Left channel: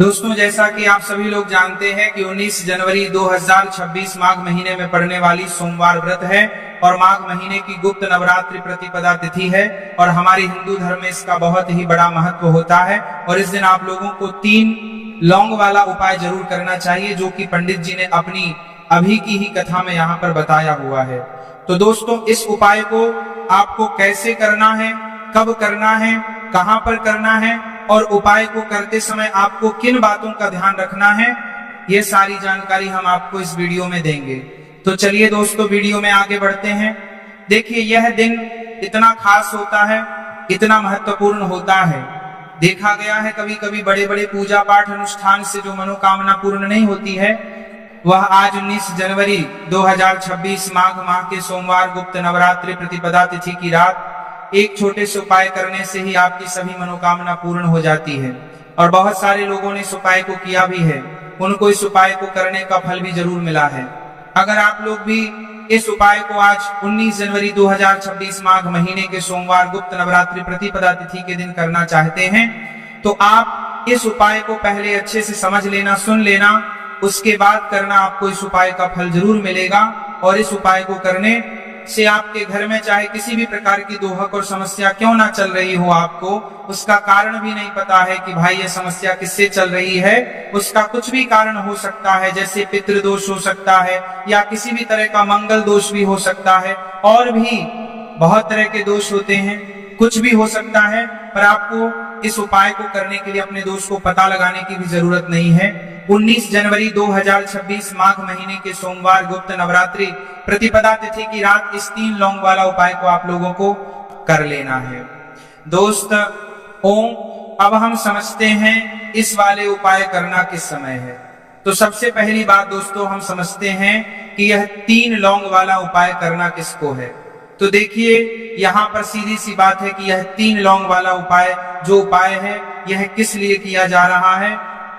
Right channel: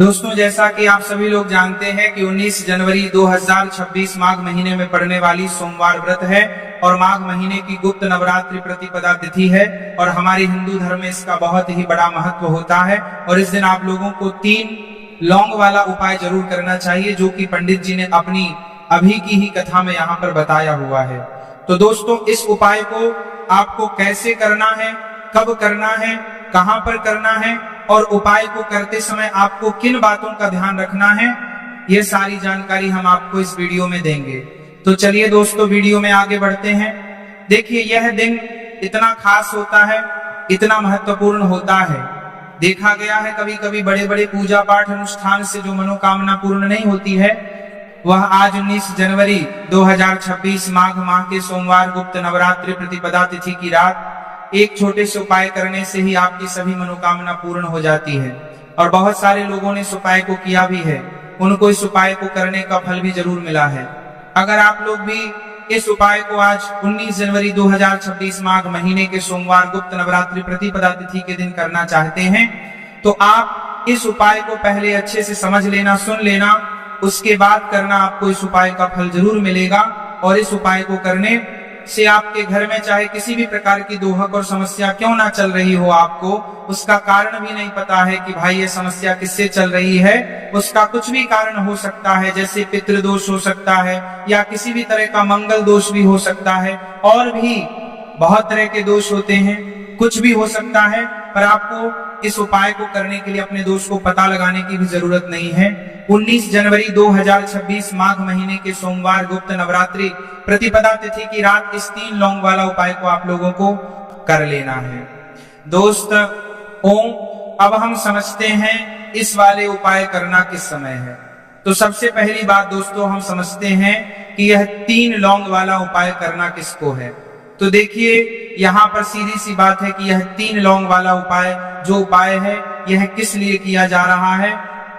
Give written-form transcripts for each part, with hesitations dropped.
दोस्तों, जैसा कि आप सभी लोग जानते हैं कि 19 जनवरी 2026 माघ महीने में पड़ने वाली सोमवार व्रत है और माघ महीने की गुप्त नवरात्रि प्रतिपदा तिथि है और हमारे हिंदू धर्म में इसका बहुत ही बड़ा महत्व होता है। और इस दिन आप लोगों को 3 लौंग वाला उपाय जरूर करना चाहिए, जो कि पंडित जी ने अपनी अभी की ही कथा में यहाँ पर बताया हुआ है। तो दोस्तों, इस उपाय को आपको कैसे करना है, कब करना है, कहां पर करना है और उपाय को करते समय आपको किन बातों का ध्यान रखना है, यह सारी जानकारी हम आपको इस वीडियो में देंगे। तो चलिए दोस्तों, वीडियो में आगे बढ़ते हैं। देखिए, यह दिन इतना खास होता है, इतना महत्वपूर्ण होता है। देखा गया है कभी कभी बड़े बड़े पूजा पाठ अनुष्ठान से जो मनोकामना पूर्ण नहीं होती है, वह आज 19 जनवरी 2026 माघ माह के सोमवार गुप्त नवरात्रि प्रतिपदा तिथि की रात एक छोटे से उपाय करने से ही आपकी सभी मनोकामना पूर्ण हो जाती है। और बहुत सारे लोगों ने इस उपाय को किया भी है, उनको इस उपाय को करने का फल भी जरूर मिला है। अगर आप लोग भी इस उपाय को आज 19 जनवरी 2026 माघ महीने के सोमवार गुप्त नवरात्रि प्रतिपदा तिथि के दिन करना चाहते हैं, तो आप इस उपाय को पहले अच्छे से समझ लेना, सुन लेना, उसके बाद करना। आपको इस उपाय का फल जरूर मिलेगा। और इस उपाय को करने से आपके घर में चाहे किसी भी प्रकार की दोहक और समस्या क्यों ना चल रही हो, आपको उसका कारण भी नहीं पता है कि भाई ये समस्या किससे चल रही है, उसका कुछ भी कारण हो सकता है। जैसे पितृदोष हो सकता है या किसी भी तरह का मंगल दोष भी हो सकता है, और भी बहुत तरह के दोष होते हैं, कुछ भी हो सकता है। पर आपको इस उपाय को करने के लिए अपने दोष को पता लगाने की भी जरूरत नहीं है। 19 जनवरी 2026 माघ महीने के सोमवार गुप्त नवरात्रि प्रतिपदा तिथि की रात इस 3 लौंग वाला उपाय को आप लोगों को कर लेना है। दोस्त, अब हम समझते हैं इस वाले उपाय करना किस समय है। तो सबसे पहली बात दोस्तों, हम समझते हैं कि यह 3 लौंग वाला उपाय करना किसको है। तो देखिए, यहाँ पर सीधी सी बात है कि यह 3 लौंग वाला उपाय जो उपाय है, यह किस लिए किया जा रहा है।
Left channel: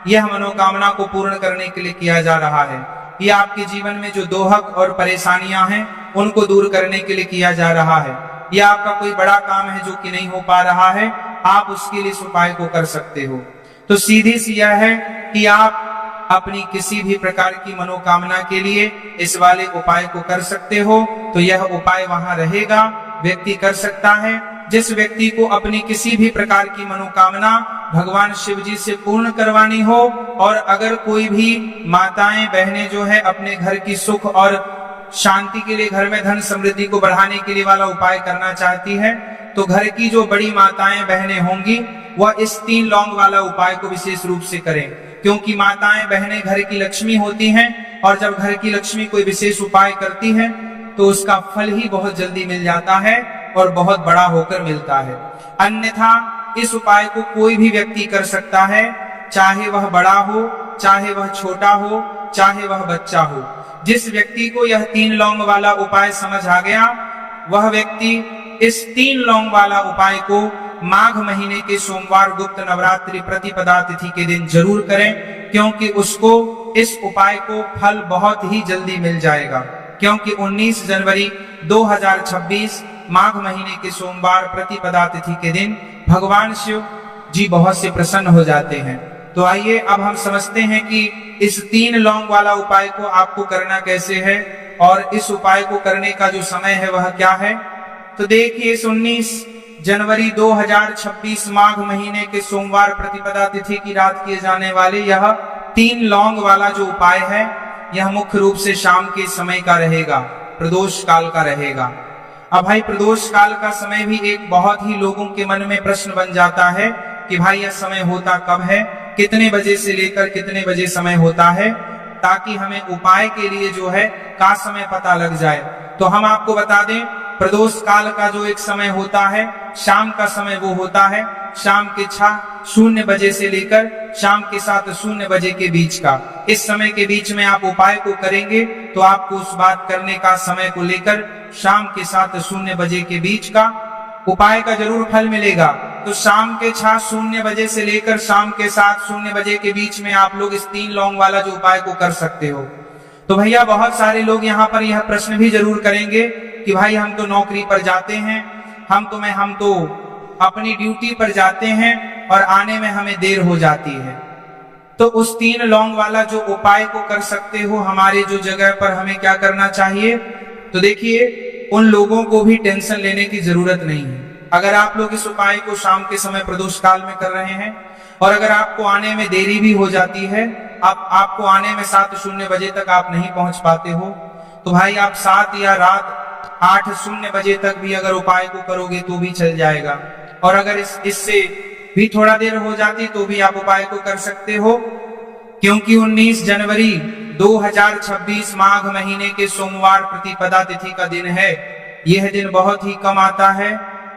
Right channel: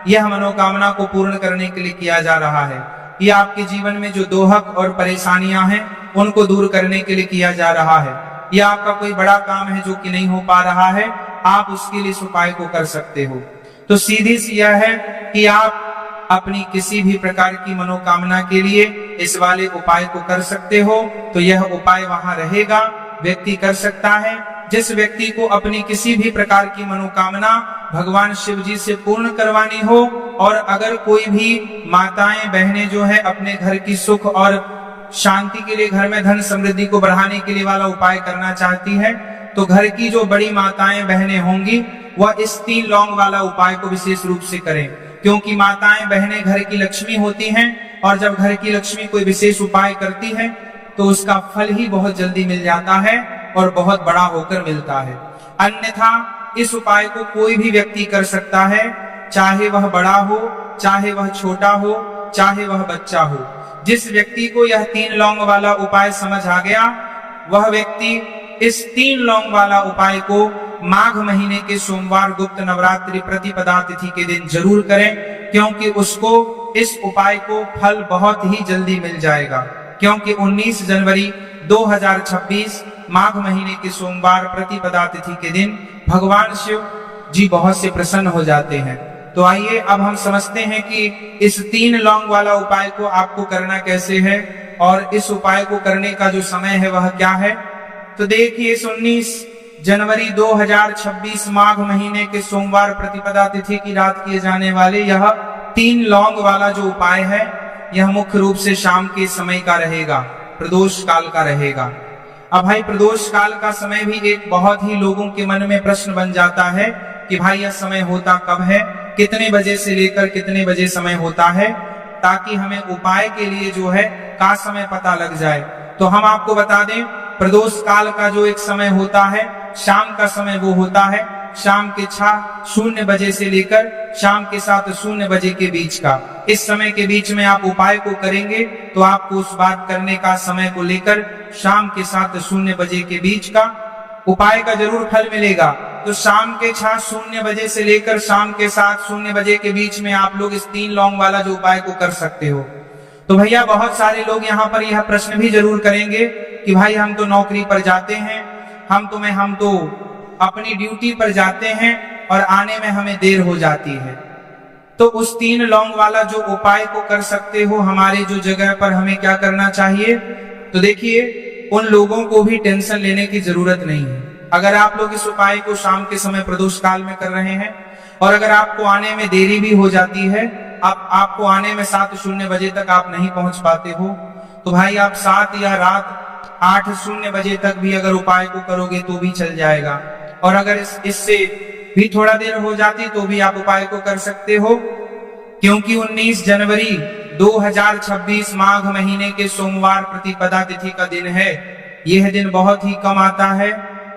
यह मनोकामना को पूर्ण करने के लिए किया जा रहा है। यह आपके जीवन में जो दोहक और परेशानियां हैं, उनको दूर करने के लिए किया जा रहा है। यह आपका कोई बड़ा काम है जो कि नहीं हो पा रहा है, आप उसके लिए इस उपाय को कर सकते हो। तो सीधी सी यह है कि आप अपनी किसी भी प्रकार की मनोकामना के लिए इस वाले उपाय को कर सकते हो। तो यह उपाय वहां रहेगा, व्यक्ति कर सकता है। जिस व्यक्ति को अपनी किसी भी प्रकार की मनोकामना भगवान शिव जी से पूर्ण करवानी हो, और अगर कोई भी माताएं बहनें जो है अपने घर की सुख और शांति के लिए, घर में धन समृद्धि को बढ़ाने के लिए वाला उपाय करना चाहती है, तो घर की जो बड़ी माताएं बहनें होंगी वह इस 3 लौंग वाला उपाय को विशेष रूप से करें। क्योंकि माताएं बहनें घर की लक्ष्मी होती हैं, और जब घर की लक्ष्मी कोई विशेष उपाय करती है तो उसका फल ही बहुत जल्दी मिल जाता है और बहुत बड़ा होकर मिलता है। अन्यथा इस उपाय को कोई भी व्यक्ति कर सकता है, चाहे वह बड़ा हो, चाहे वह छोटा हो, चाहे वह बच्चा हो। जिस व्यक्ति को यह 3 लौंग वाला उपाय समझ आ गया, वह व्यक्ति इस 3 लौंग वाला उपाय को माघ महीने के सोमवार गुप्त नवरात्रि प्रतिपदा तिथि के दिन जरूर करें, क्योंकि उसको इस उपाय को फल बहुत ही जल्दी मिल जाएगा। क्योंकि 19 जनवरी 2026 माघ महीने के सोमवार प्रतिपदा तिथि के दिन भगवान शिव जी बहुत से प्रसन्न हो जाते हैं। तो आइए अब हम समझते हैं कि इस 3 लौंग वाला उपाय को आपको करना कैसे है और इस उपाय को करने का जो समय है वह क्या है। तो देखिए, इस 19 जनवरी 2026 माघ महीने के सोमवार प्रतिपदा तिथि की रात किए जाने वाले यह 3 लौंग वाला जो उपाय है, यह मुख्य रूप से शाम के समय का रहेगा, प्रदोष काल का रहेगा। अब भाई, प्रदोष काल का समय भी एक बहुत ही लोगों के मन में प्रश्न बन जाता है कि भाई यह समय होता कब है, कितने बजे से लेकर कितने बजे समय होता है, ताकि हमें उपाय के लिए जो है का समय पता लग जाए। तो हम आपको बता दें, प्रदोष काल का जो एक समय होता है, शाम का समय वो होता है शाम के 6:00 बजे से लेकर शाम के 7:00 बजे के बीच का। इस समय के बीच में आप उपाय को करेंगे तो आपको उस बात करने का समय को लेकर शाम के 7:00 बजे के बीच का उपाय का जरूर फल मिलेगा। तो शाम के 6:00 बजे से लेकर शाम के 7:00 बजे के बीच में आप लोग इस 3 लौंग वाला जो उपाय को कर सकते हो। तो भैया, बहुत सारे लोग यहाँ पर यह प्रश्न भी जरूर करेंगे कि भाई हम तो नौकरी पर जाते हैं, हम तो अपनी ड्यूटी पर जाते हैं और आने में हमें देर हो जाती है। तो उस 3 लौंग वाला जो उपाय को कर सकते हो हमारे जो जगह पर हमें क्या करना चाहिए। तो देखिए उन लोगों को भी टेंशन लेने की जरूरत नहीं है। अगर आप लोग इस उपाय को शाम के समय प्रदोष काल में कर रहे हैं और अगर आपको आने में देरी भी हो जाती है, आपको आने में 7:00 बजे तक आप नहीं पहुंच पाते हो, तो भाई आप 7 या रात 8:00 बजे तक भी अगर उपाय को करोगे तो भी चल जाएगा। और अगर इससे भी थोड़ा देर हो जाती तो भी आप उपाय को कर सकते हो, क्योंकि 19 जनवरी 2026 माघ महीने के सोमवार प्रतिपदा तिथि का दिन है। यह दिन बहुत ही कम आता है,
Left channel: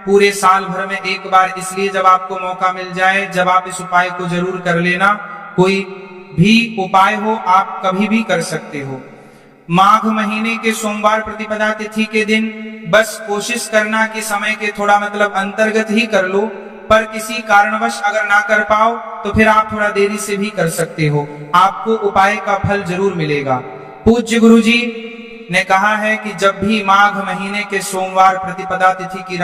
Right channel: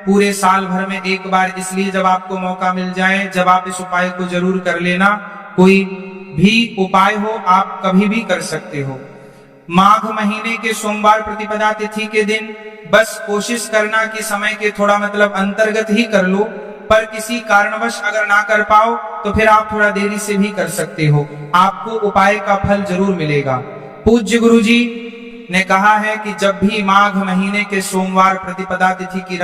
पूरे साल भर में एक बार, इसलिए जब आपको मौका मिल जाए जब आप इस उपाय को जरूर कर लेना। कोई भी उपाय हो आप कभी भी कर सकते हो। माघ महीने के सोमवार प्रतिपदा तिथि के दिन बस कोशिश करना कि समय के थोड़ा मतलब अंतर्गत ही कर लो, पर किसी कारणवश अगर ना कर पाओ तो फिर आप थोड़ा देरी से भी कर सकते हो, आपको उपाय का फल जरूर मिलेगा। पूज्य गुरुजी ने कहा है कि जब भी माघ महीने के सोमवार प्रतिपदा तिथि की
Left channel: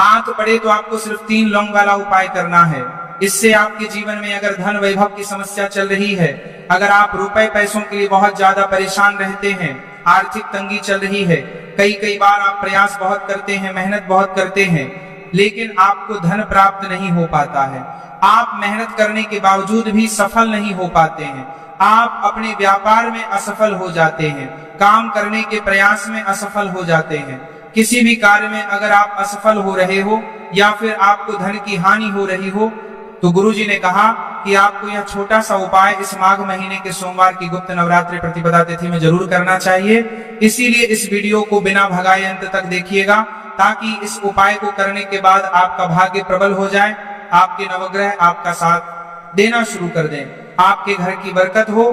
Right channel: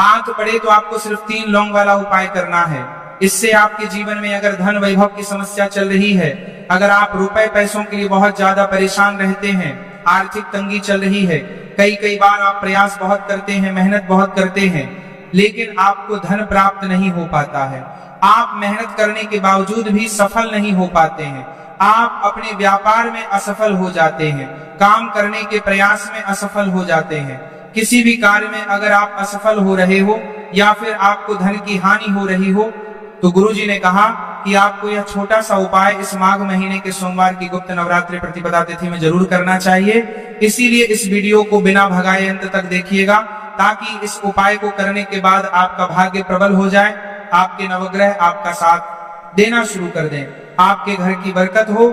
आंख पड़े तो आपको सिर्फ 3 लौंग वाला उपाय करना है। इससे आपके जीवन में अगर धन वैभव की समस्या चल रही है, अगर आप रुपए पैसों के लिए बहुत ज्यादा परेशान रहते हैं, आर्थिक तंगी चल रही है, कई बार आप प्रयास बहुत करते हैं, मेहनत बहुत करते हैं, लेकिन आपको धन प्राप्त नहीं हो पाता है, आप मेहनत करने के बावजूद भी सफल नहीं हो पाते हैं, आप अपने व्यापार में असफल हो जाते हैं, काम करने के प्रयास में असफल हो जाते हैं, किसी भी कार्य में अगर आप असफल हो रहे हो या फिर आपको धन की हानि हो रही हो, तो गुरुजी ने कहा कि आपको यह छोटा सा उपाय इस माघ महीने के सोमवार की गुप्त नवरात्रि प्रतिपदा तिथि में जरूर करना चाहिए। इसीलिए इस वीडियो को बिना भगाए अंत तक देखिएगा, ताकि इस उपाय को करने के बाद आपका भाग्य प्रबल हो जाए, आपके नवग्रह आपका साथ देना शुरू कर दें, आपके घर की बरकत हो,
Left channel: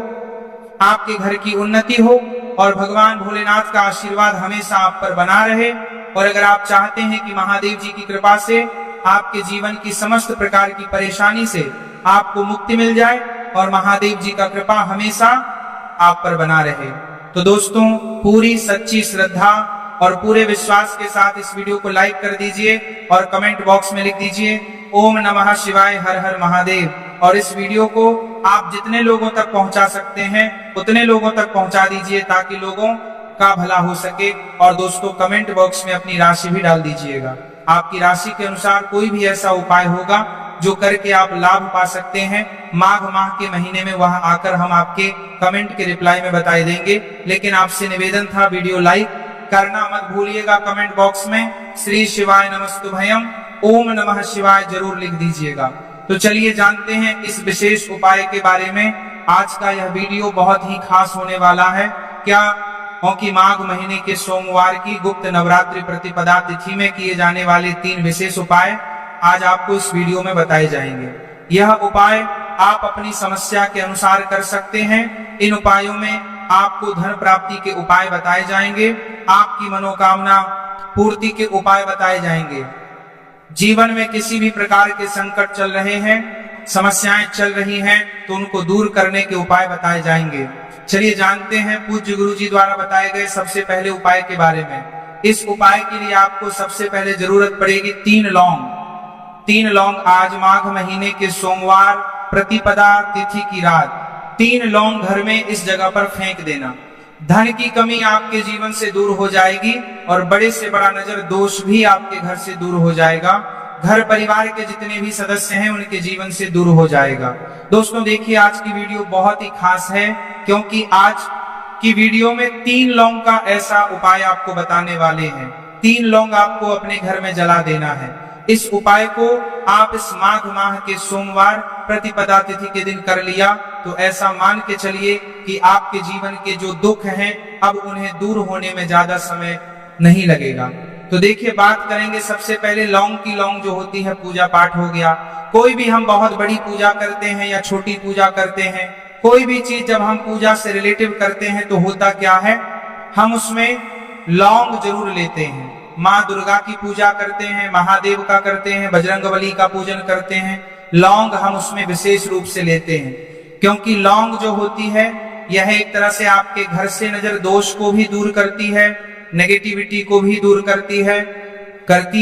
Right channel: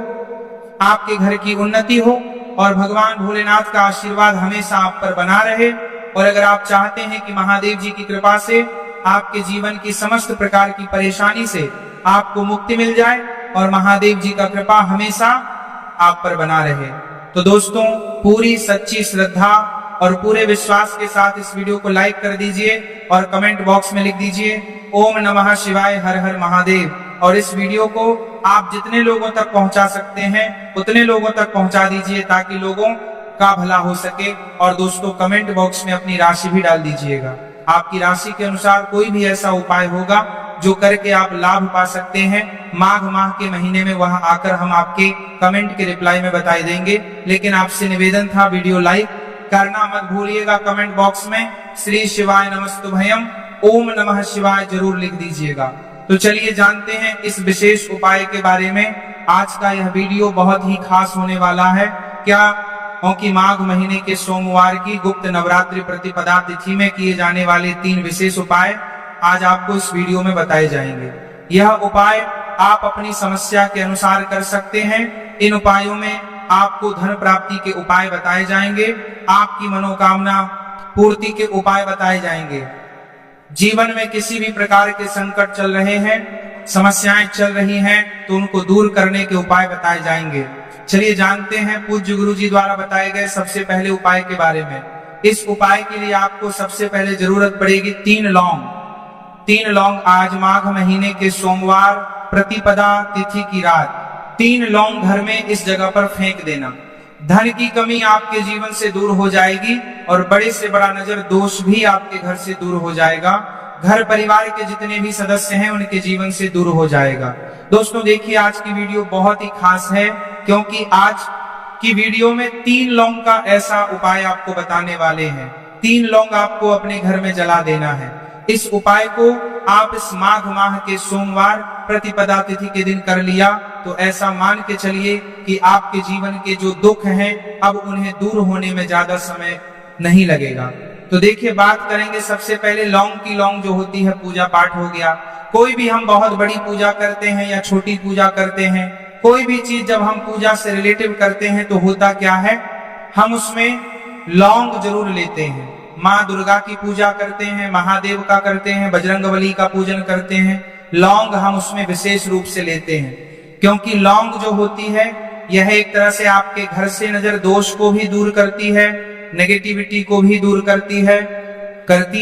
आपके घर की उन्नति हो और भगवान भोलेनाथ का आशीर्वाद हमेशा आप पर बना रहे। और अगर आप चाहते हैं कि महादेव जी की कृपा से आपके जीवन की समस्त प्रकार की परेशानी से आपको मुक्ति मिल जाए और महादेव जी का कृपा हमेशा आप पर बना रहे, तो दोस्तों पूरी सच्ची श्रद्धा और पूरे विश्वास के साथ इस वीडियो को लाइक कर दीजिए और कमेंट बॉक्स में लिख दीजिए ओम नमः शिवाय, हर हर महादेव। और इस वीडियो को आप जितने लोगों तक पहुंचा सकते हैं उतने लोगों तक पहुंचा दीजिए, ताकि लोगों का भला हो सके। और दोस्तों कमेंट बॉक्स में अपनी राशि भी डाल दीजिएगा, आपकी राशि के अनुसार कोई भी ऐसा उपाय होगा जो करके आप लाभ पा सकते हैं माघ माह के महीने में, वहां आकर हम आपके कमेंट के रिप्लाई में बताई देंगे। लेकिन आपसे निवेदन था, वीडियो लाइक करना मत भूलिएगा, कमेंट बॉक्स में श्री शिवाय नमस्तुभयम ओम नमः शिवाय जरूर लिख दीजिएगा। तो चलिए जानते हैं इस विशेष उपाय के बारे में। आज का यह वीडियो बहुत ही खास होने वाला है, क्या क्योंकि माघ महीने के सोमवार की गुप्त नवरात्रि प्रतिपदा तिथि में किए जाने वाले 3 विशेष उपाय आज आपको इस वीडियो में बताए जाएंगे। यह उपाय आप अपनी समस्या के अनुसार कर सकते हैं। इन उपायों में आपको धन प्राप्ति के उपाय बताए जाएंगे, आपकी मनोकामना पूर्ति के उपाय बताए जाएंगे। जीवन में किसी भी प्रकार के संकट चल रहे हैं, समस्याएं चल रही हैं, तो उनको दूर करने के उपाय बताए जाएंगे। चलिए जानते हैं पूज्य गुरु जी द्वारा बताए गए सबसे पहले उपाय के बारे में। इस उपाय के लिए आपको सबसे पहले जरूरत पड़ेगी 3 लौंग। 3 लौंग आज माघ महीने के सोमवार प्रतिपदा तिथि की रात 3 लौंग घर में इस जगह पर फेंक देना। धन की कमी आपके जीवन से दूर हो जाएगी और बड़े से बड़ा नजर दोष भी आपके घर से दूर हो जाएगा। घर परिवार के जितने भी सदस्य हैं उनके जीवन से दूर हो जाएगा। दोस्तों देखिए आज की वीडियो बहुत ही खास है, क्योंकि आज की वीडियो में 3 लौंग का ऐसा उपाय आपको बताने वाले हैं। 3 लौंग आपको अपने घर में जला देना है। इस उपाय को आप इस माघ माह के सोमवार प्रतिपदा तिथि के दिन कर लिया तो ऐसा मान के चलिए कि आपके जीवन के जो दुख हैं अब उन्हें दूर होने में ज्यादा समय नहीं लगेगा। तो देखिए बात करेंगे सबसे पहले लौंग की। लौंग जो होती है पूजा पाठ हो गया, कोई भी हम बहुत बड़ी पूजा करते हैं या छोटी पूजा करते हैं, कोई भी चीज जब हम पूजा से रिलेटिव करते हैं तो होता क्या है, हम उसमें लौंग जरूर लेते हैं। माँ दुर्गा की पूजा करते हैं, महादेव का करते हैं, बजरंगबली का पूजन करते हैं, लौंग हम उसमें विशेष रूप से लेते हैं, क्योंकि लौंग जो होती है यह एक तरह से आपके घर से नजर दोष को भी दूर करती है, नेगेटिविटी को भी दूर करती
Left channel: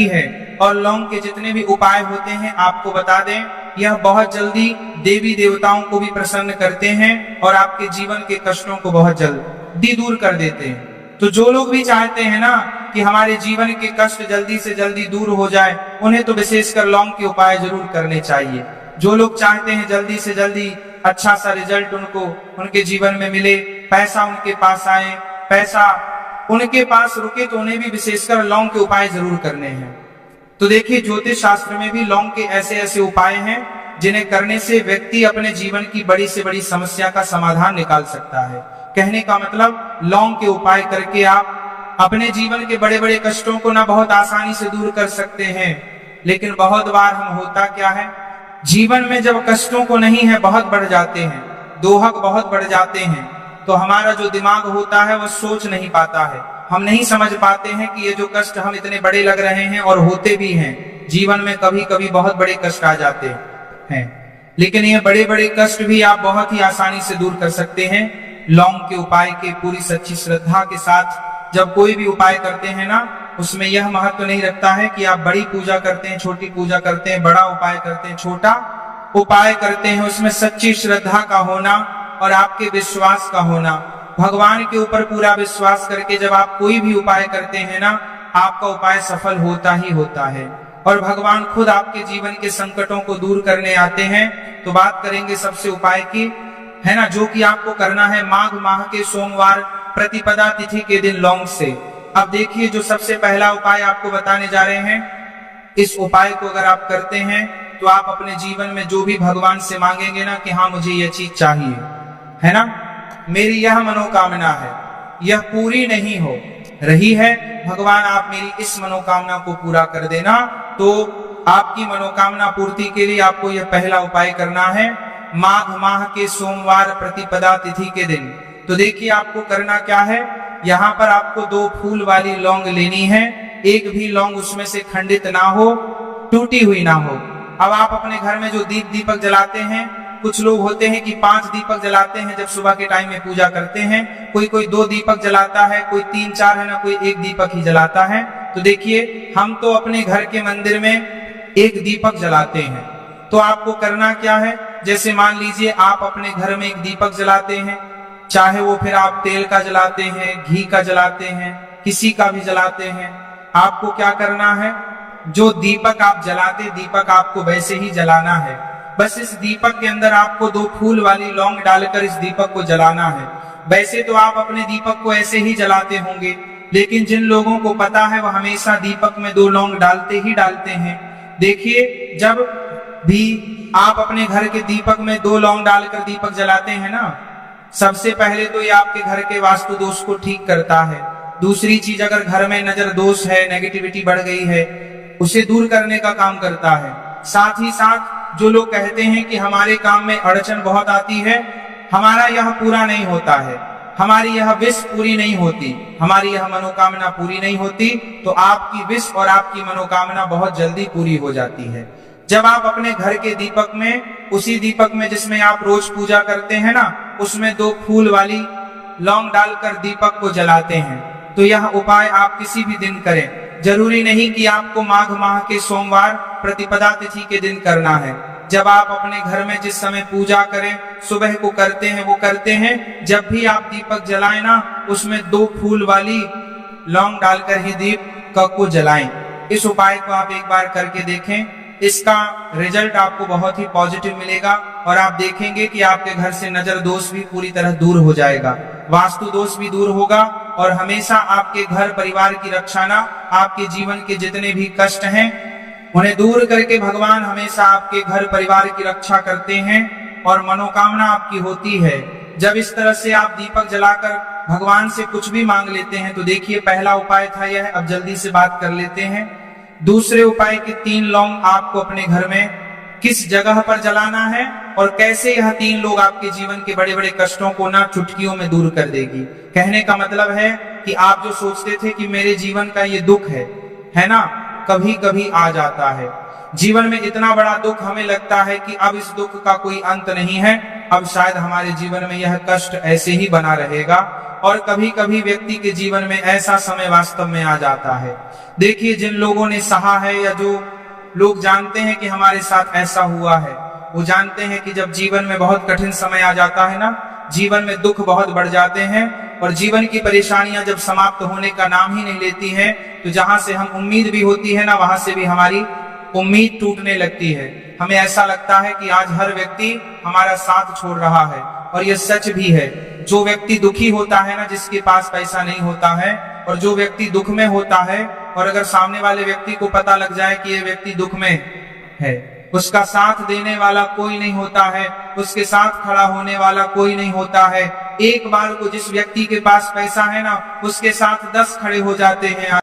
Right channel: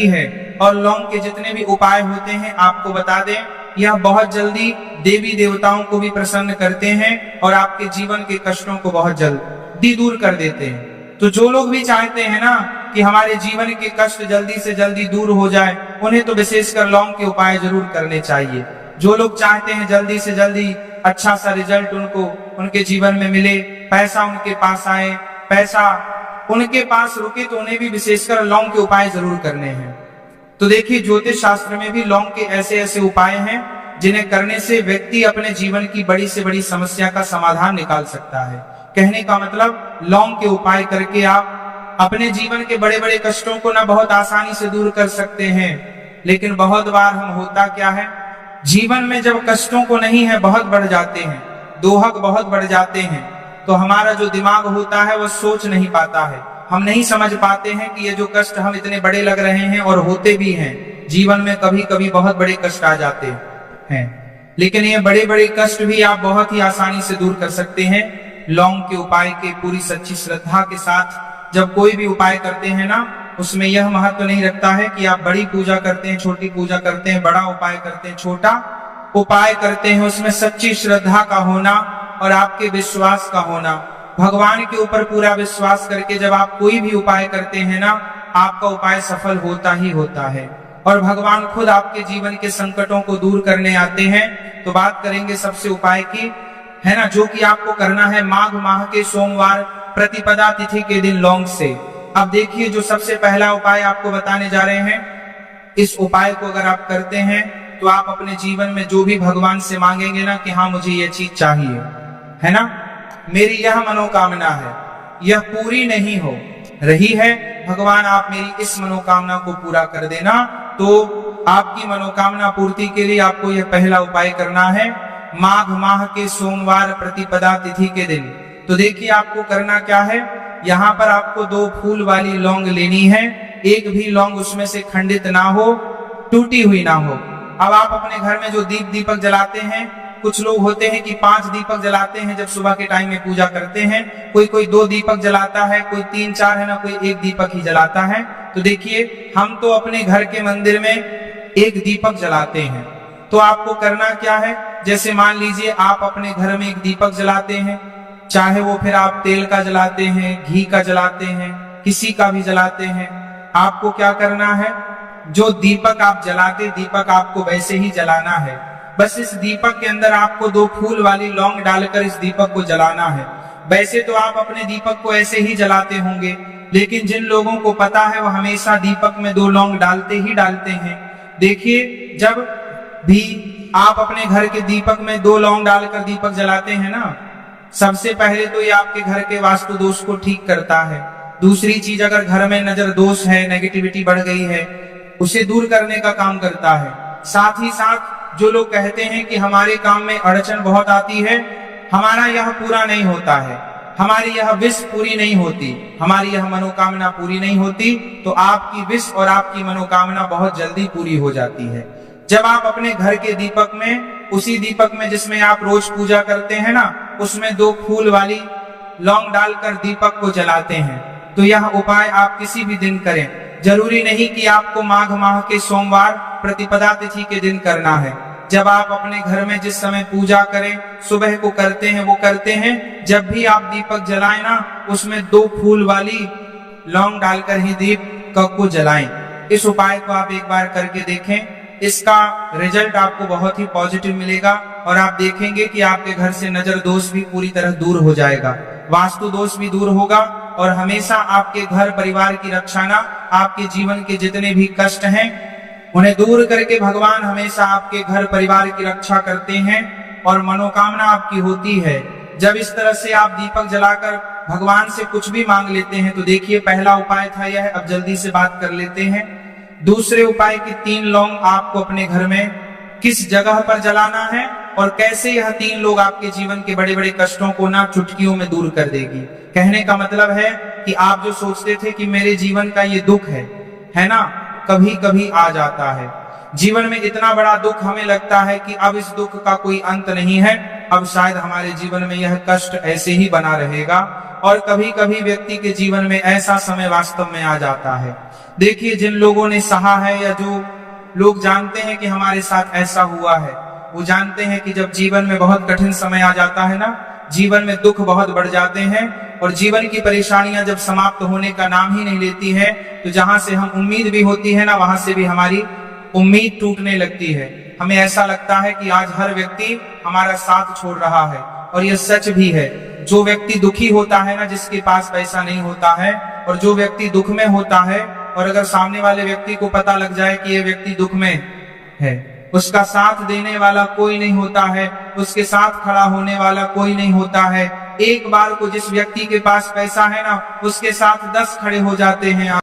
है। और लौंग के जितने भी उपाय होते हैं आपको बता दें यह बहुत जल्दी देवी देवताओं को भी प्रसन्न करते हैं और आपके जीवन के कष्टों को बहुत जल्दी दूर कर देते हैं। तो जो लोग भी चाहते हैं ना कि हमारे जीवन के कष्ट जल्दी से जल्दी दूर हो जाए, उन्हें तो विशेषकर लौंग के उपाय जरूर करने चाहिए। जो लोग चाहते हैं जल्दी से जल्दी अच्छा सा रिजल्ट उनको उनके जीवन में मिले, पैसा उनके पास आए, पैसा उनके पास रुके, तो उन्हें भी विशेषकर लौंग के उपाय जरूर करने हैं। तो देखिए, ज्योतिष शास्त्र में भी लौंग के ऐसे ऐसे उपाय हैं जिन्हें करने से व्यक्ति अपने जीवन की बड़ी से बड़ी समस्या का समाधान निकाल सकता है। कहने का मतलब, लौंग के उपाय करके आप अपने जीवन के बड़े बड़े कष्टों को ना बहुत आसानी से दूर कर सकते हैं। लेकिन बहुत बार हम होता क्या है, जीवन में जब कष्टों को नहीं है बहुत बढ़ जाते हैं, दोहक बहुत बढ़ जाते हैं, तो हमारा जो दिमाग होता है वह सोच नहीं पाता है। हम नहीं समझ पाते हैं कि ये जो कष्ट हम इतने बड़े लग रहे हैं और होते भी हैं, जीवन में कभी कभी बहुत बड़े कष्ट आ जाते हैं। लेकिन ये बड़े बड़े कष्ट भी आप बहुत ही आसानी से दूर कर सकते हैं लौंग के उपाय के पूरी सच्ची श्रद्धा के साथ। जब कोई भी उपाय करते हैं ना, उसमें यह महत्व नहीं रखता है कि आप बड़ी पूजा करते हैं, छोटी पूजा करते हैं, बड़ा उपाय करते हैं, छोटा उपाय करते हैं, उसमें सच्ची श्रद्धा का होना और आपके विश्वास का होना। भगवान के ऊपर पूरा विश्वास करके जब आप कोई भी उपाय करते हैं ना, आपका उपाय सफल होता ही होता है और भगवान खुद आपके जीवन के संकटों को दूर करने आते हैं। तो बात करेंगे सबसे उपाय की, है ना, जो कि आपको करना है माघ माह के सोमवार प्रतिपदा तिथि के दिन लौंग से। अब देखिए, जो सबसे पहला उपाय आपको बताने जा रहे हैं, इस उपाय को अगर आप करते हैं तो आप अपने जीवन में जो भी भगवान से मांगेंगे ना कि हाँ मुझे ये चीज चाहिए, है ना, मेरी यह मनोकामना है, यह पूरी नहीं हो रही है, भगवान आप मेरी इस मनोकामना को पूरा कर देना। तो आपकी मनोकामना पूर्ति के लिए आपको यह पहला उपाय करना है माघ माह के सोमवार प्रतिपदा तिथि के दिन। तो देखिए, आपको करना क्या है, यहाँ पर आपको 2 फूल वाली लौंग लेनी है। एक भी लौंग उसमें से खंडित ना हो, टूटी हुई ना हो। अब आप अपने घर में जो दीपक जलाते हैं, कुछ लोग होते हैं कि 5 दीपक जलाते हैं जब सुबह के टाइम में पूजा करते हैं, कोई 2 दीपक जलाता है, कोई 3-4 है ना, कोई 1 दीपक ही जलाता है। तो देखिए, हम तो अपने घर के मंदिर में 1 दीपक जलाते हैं। तो आपको करना क्या है, जैसे मान लीजिए आप अपने घर में 1 दीपक जलाते हैं, चाहे वो फिर आप तेल का जलाते हैं, घी का जलाते हैं, किसी का भी जलाते हैं, आपको क्या करना है, जो दीपक आप जलाते, दीपक आपको वैसे ही जलाना है। बस इस दीपक के अंदर आपको 2 फूल वाली लौंग डालकर इस दीपक को जलाना है। वैसे तो आप अपने दीपक को ऐसे ही जलाते होंगे, लेकिन जिन लोगों को पता है वो हमेशा दीपक में 2 लौंग डालते ही डालते हैं। देखिए, जब भी आप अपने घर के दीपक में 2 लौंग डालकर दीपक जलाते हैं ना, सबसे पहले तो ये आपके घर के वास्तु दोष को ठीक करता है। दूसरी चीज, अगर घर में नजर दोष है, नेगेटिविटी बढ़ गई है, उसे दूर करने का काम करता है। साथ ही साथ जो लोग कहते हैं कि हमारे काम में अड़चन बहुत आती है, हमारा यह पूरा नहीं होता है, हमारी यह विश पूरी नहीं होती, हमारी यह मनोकामना पूरी नहीं होती, तो आपकी विश और आपकी मनोकामना बहुत जल्दी पूरी हो जाती है। जब आप अपने घर के दीपक में, उसी दीपक में जिसमें आप रोज पूजा करते हैं ना, उसमें 2 फूल वाली लौंग डालकर दीपक को जलाते हैं, तो यह उपाय आप किसी भी दिन करें। जरूरी नहीं कि आपको माघ माह के सोमवार प्रतिपदा तिथि के दिन करना है। जब आप अपने घर में जिस समय पूजा करें, सुबह को करते हैं वो करते हैं, जब भी आप दीपक जलाएं ना, उसमें 2 फूल वाली लौंग डालकर ही दीपक को जलाएं। इस उपाय को आप एक बार करके देखें, इसका रिजल्ट आपको बहुत ही पॉजिटिव मिलेगा और आप देखेंगे कि आपके घर से नजर दोष भी पूरी तरह दूर हो जाएगा, वास्तु दोष भी दूर होगा और हमेशा आपके घर परिवार की रक्षा ना, आपके जीवन के जितने भी कष्ट हैं उन्हें दूर करके भगवान हमेशा आपके घर परिवार की रक्षा करते हैं और मनोकामना आपकी होती है। जब इस तरह से आप दीपक जलाकर भगवान से कुछ भी मांग लेते हैं, तो देखिए, पहला उपाय था यह। अब जल्दी से बात कर लेते हैं दूसरे उपाय की। 3 लौंग आपको अपने घर में किस जगह पर जलाना है और कैसे यह 3 लोग आपके जीवन के बड़े बड़े कष्टों को ना चुटकियों में दूर कर देगी। कहने का मतलब है कि आप जो सोचते थे कि मेरे जीवन का ये दुख है ना, कभी कभी आ जाता है। जीवन में इतना बड़ा दुख हमें लगता है कि अब इस दुख का कोई अंत नहीं है, अब शायद हमारे जीवन में यह कष्ट ऐसे ही बना रहेगा। और कभी कभी व्यक्ति के जीवन में ऐसा समय वास्तव में आ जाता है। देखिए, जिन लोगों ने सहा है या जो लोग जानते हैं कि हमारे साथ ऐसा हुआ है। वो जानते हैं कि जब जीवन में बहुत कठिन समय आ जाता है ना, जीवन में दुख बहुत बढ़ जाते हैं और जीवन की परेशानियां जब समाप्त होने का नाम ही नहीं लेती है, तो जहां से हम उम्मीद भी होती है ना, वहां से भी हमारी उम्मीद टूटने लगती है। हमें ऐसा लगता है कि आज हर व्यक्ति हमारा साथ छोड़ रहा है, और यह सच भी है। जो व्यक्ति दुखी होता है ना, जिसके पास पैसा नहीं होता है, और जो व्यक्ति दुख में होता है, और अगर सामने वाले व्यक्ति को पता लग जाए कि यह व्यक्ति दुख में है, उसका साथ देने वाला कोई नहीं होता है, उसके साथ खड़ा होने वाला कोई नहीं होता है। एक बार को जिस व्यक्ति के पास पैसा है ना, उसके साथ 10 खड़े हो जाते हैं।